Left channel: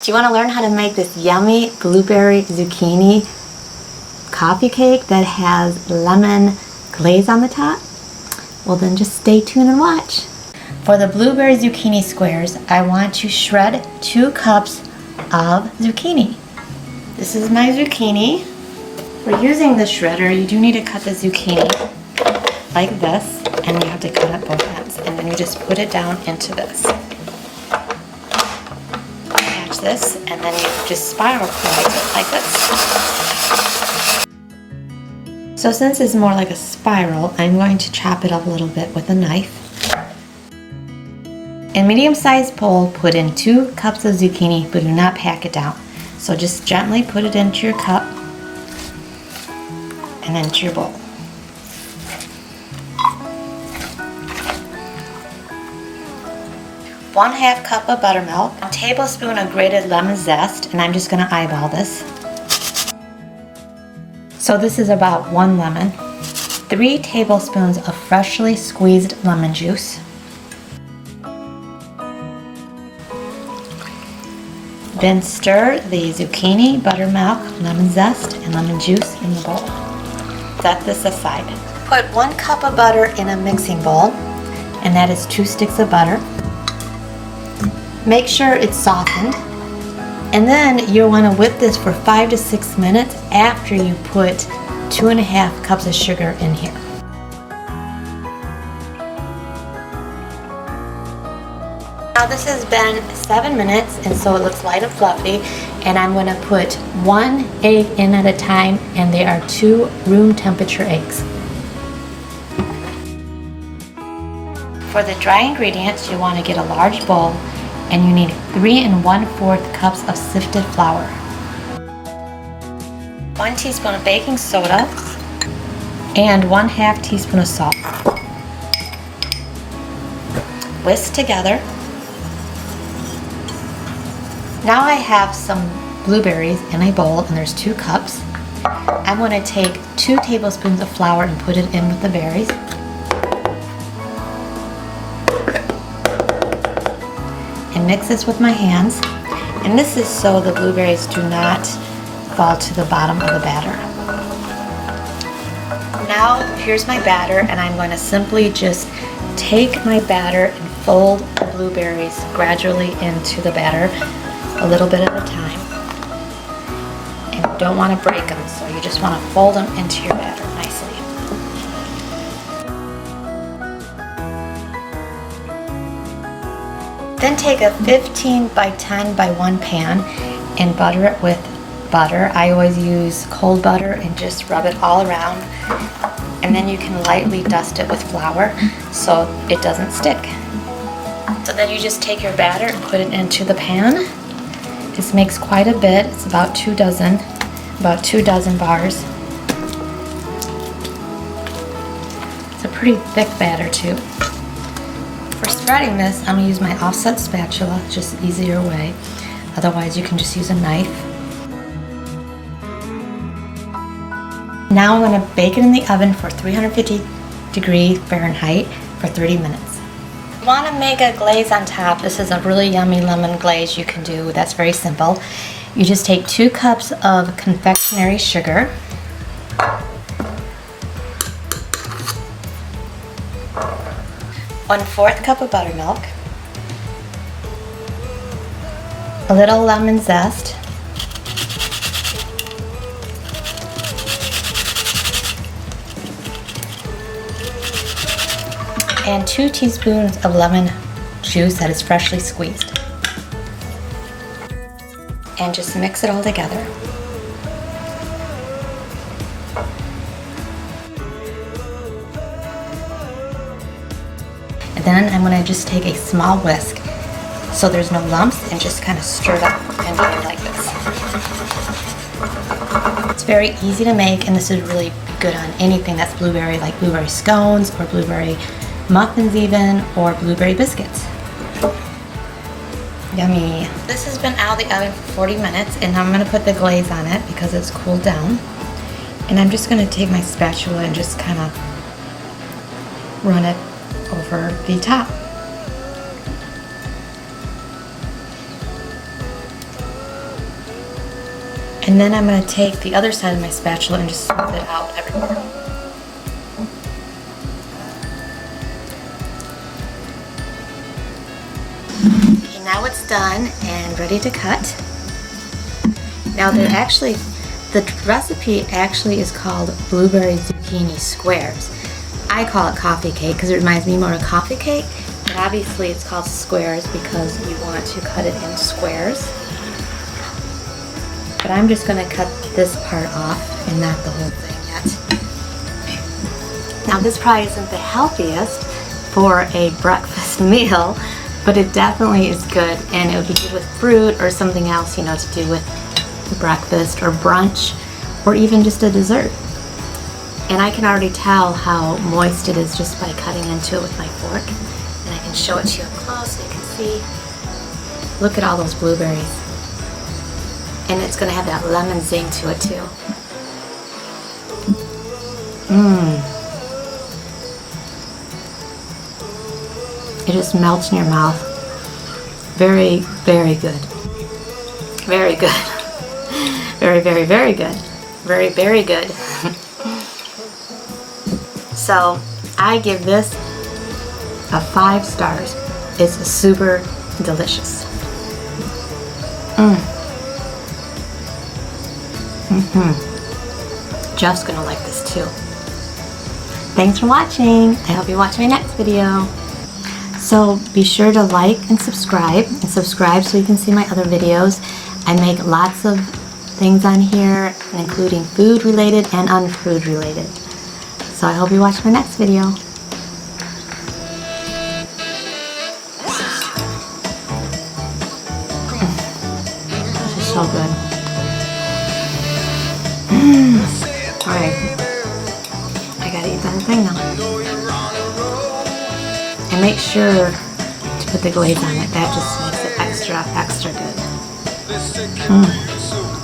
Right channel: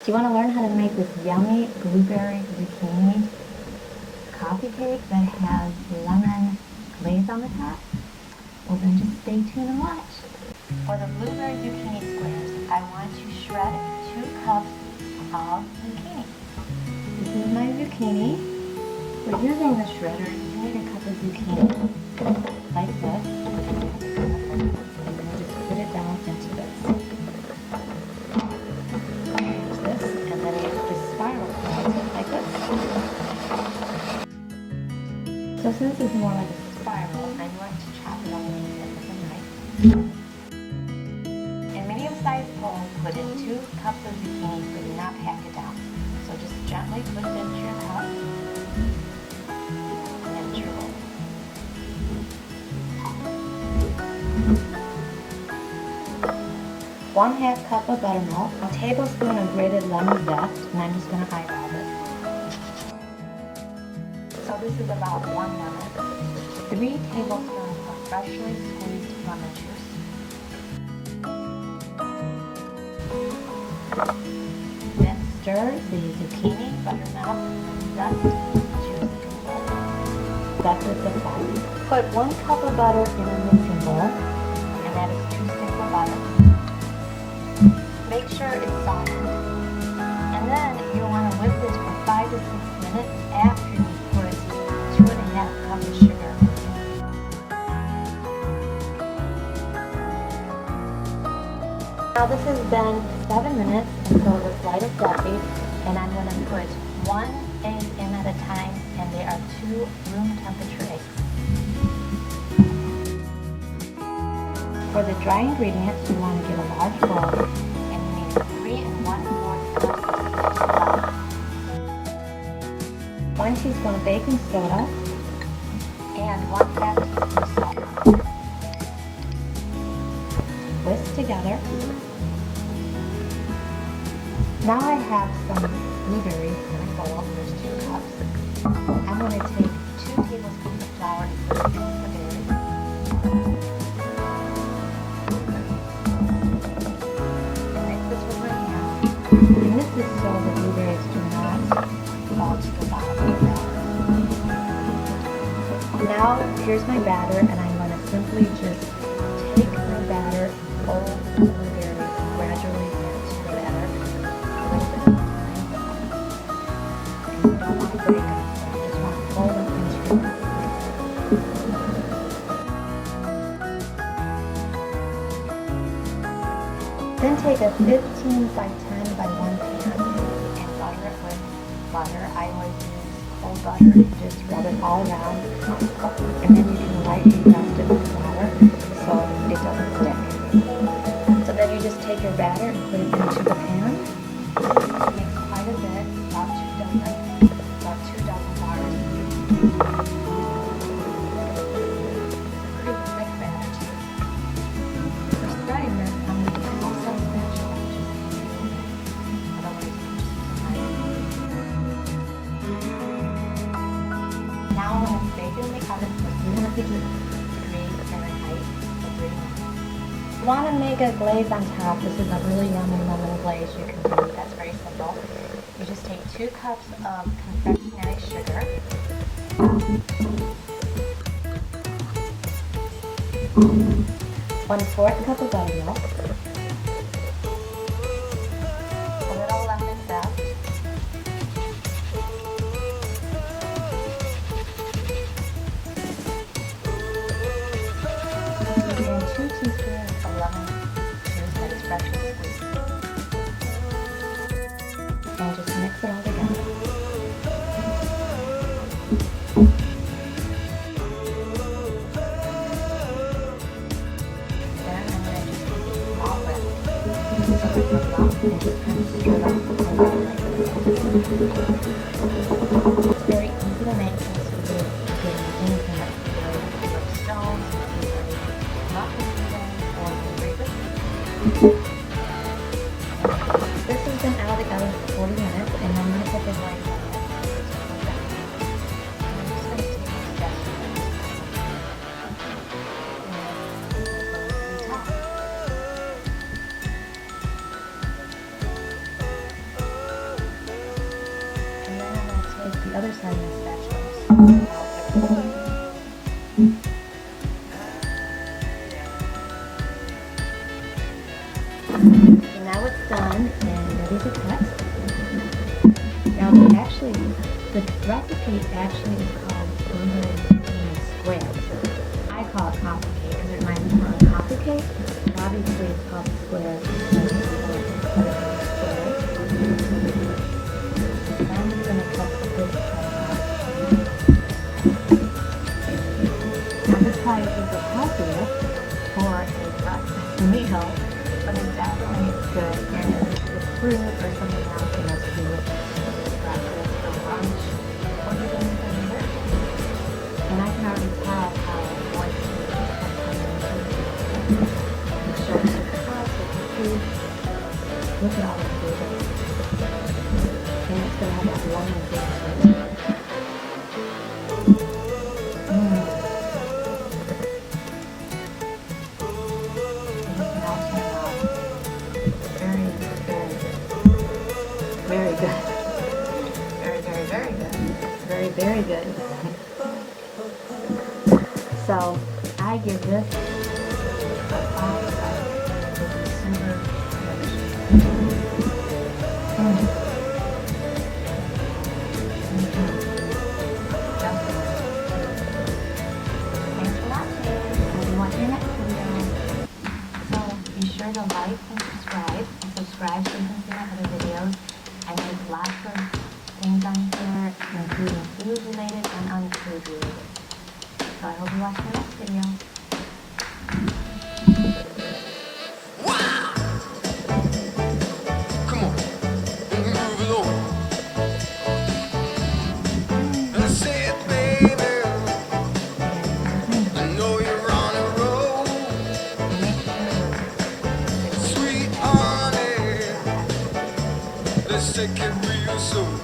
Do you want to learn how to make this yummy blueberry zucchini coffee cake that has lemon glaze on the top? Well, then just stay tuned and watch. For the blueberry zucchini squares, I want to shred 2 cups of zucchini. This is my zucchini. For using the shredder, you do need to cut the zucchini like this, and you have to cut it both ends, and then you just put it down into this. Catch this, and then you just spiral close it like this. So since it's more like a spiral, I'm going to chop it up a little bit with a knife. In medium-sized bowl, put in 2 cups of zucchini, but do not pack it down. So just gently put it into your cup and then into your bowl. One-half cup of buttermilk, a tablespoon of grated lemon zest, and I'm just going to eyeball this. So this is about 1 lemon, 3 tablespoons of freshly squeezed lemon juice, then stir the zucchini, buttermilk, lemon zest, and lemon juice in the bowl. Set this aside. Put 1 cup of butter in a mixing bowl, and that is 2 sticks of butter. Make sure it's softened, and then you'll want to whip this for 5 to 6 minutes after you put 2.5 cups of sugar in here. Now this has been 7 minutes, and so it looks light and fluffy, and I'm going to put 1 egg in at a time, and they are 2 room temperature eggs. For the dry ingredients, you want to get a large bowl, and you need 3 1/4 cups of sifted flour, 1 teaspoon of baking soda, and 1/2 teaspoon of salt. Whisk together. Now I have some blueberries in a bowl, and there's 2 cups. I'm going to take 2 tablespoons of flour and put it in with the berries. Mix this with my hands, and this is so the blueberries do not fall to the bottom of the batter. Now here's my batter, and I'm going to simply just take my batter and fold the blueberries gradually into the batter, a little bit at a time. And you don't want to break them, so you just want to fold them into your batter nicely. Then take a 15 by 10 by 1 pan and butter it with butter. I always use cold butter and just rub it all around. And then you can lightly dust it with flour so it doesn't stick. So then you just take your batter and put it into the pan. This makes quite a bit. It's about 2 dozen bars. It's a pretty thick batter too. For spreading this, I'm going to use my offset spatula, just easier way. Otherwise, you can just use a knife. Now I'm going to bake it in the oven for 350 degrees Fahrenheit for 30 minutes. If you want to make a glaze on top, this is a really yummy lemon glaze you can do. That's very simple. You just take 2 cups of confectionery sugar, 1/4 cup of buttermilk, a little lemon zest, and 2 teaspoons of lemon juice that is freshly squeezed. And just mix it all together. Then I'm going to just take a small whisk so there's no lumps, and just kind of stir it up and do it like this. It's very easy to make, and this is really good on anything that's blueberry, like blueberry scones or blueberry muffins even, or blueberry biscuits. Yummy. This has been out of the oven for 40 minutes, and I'm going to put the glaze on it because it's cooled down. And I'm just going to take my spatula and just kind of run it over the top. And then I'm going to take the other side of my spatula and just smooth it out everywhere. Okay, now it's done and ready to cut. Now the recipe actually is called blueberry zucchini squares. I call it coffee cake because it reminds me more of coffee cake. And obviously it's called squares because we want to cut it in squares. But I'm just going to cut this part off and not the whole thing yet. Now this probably isn't the healthiest for a breakfast meal, but it definitely is good, and it would be good with fruit or something else, you know, to do with breakfast or brunch or even just a dessert. And I can already tell how moist it is just by cutting into it with my fork. And I can show it to you close so you can see. Look at all those blueberries. And it's going to have that lemon zing to it too. It just melts in your mouth. Very, very good. Very good. Very, very, very good. Very, very good. So I give this a 5 stars. It's super delicious. Jeff's gonna like this too. Thanks for watching. I hope you watch my next video. So be sure to like and subscribe so you can see my other videos. I make lots of things on here, including food related and unfood related. So I hope you watch my next video. So good. Alright. I gotta eat the whole thing now. And make sure to put the glaze on it. That just makes it extra good.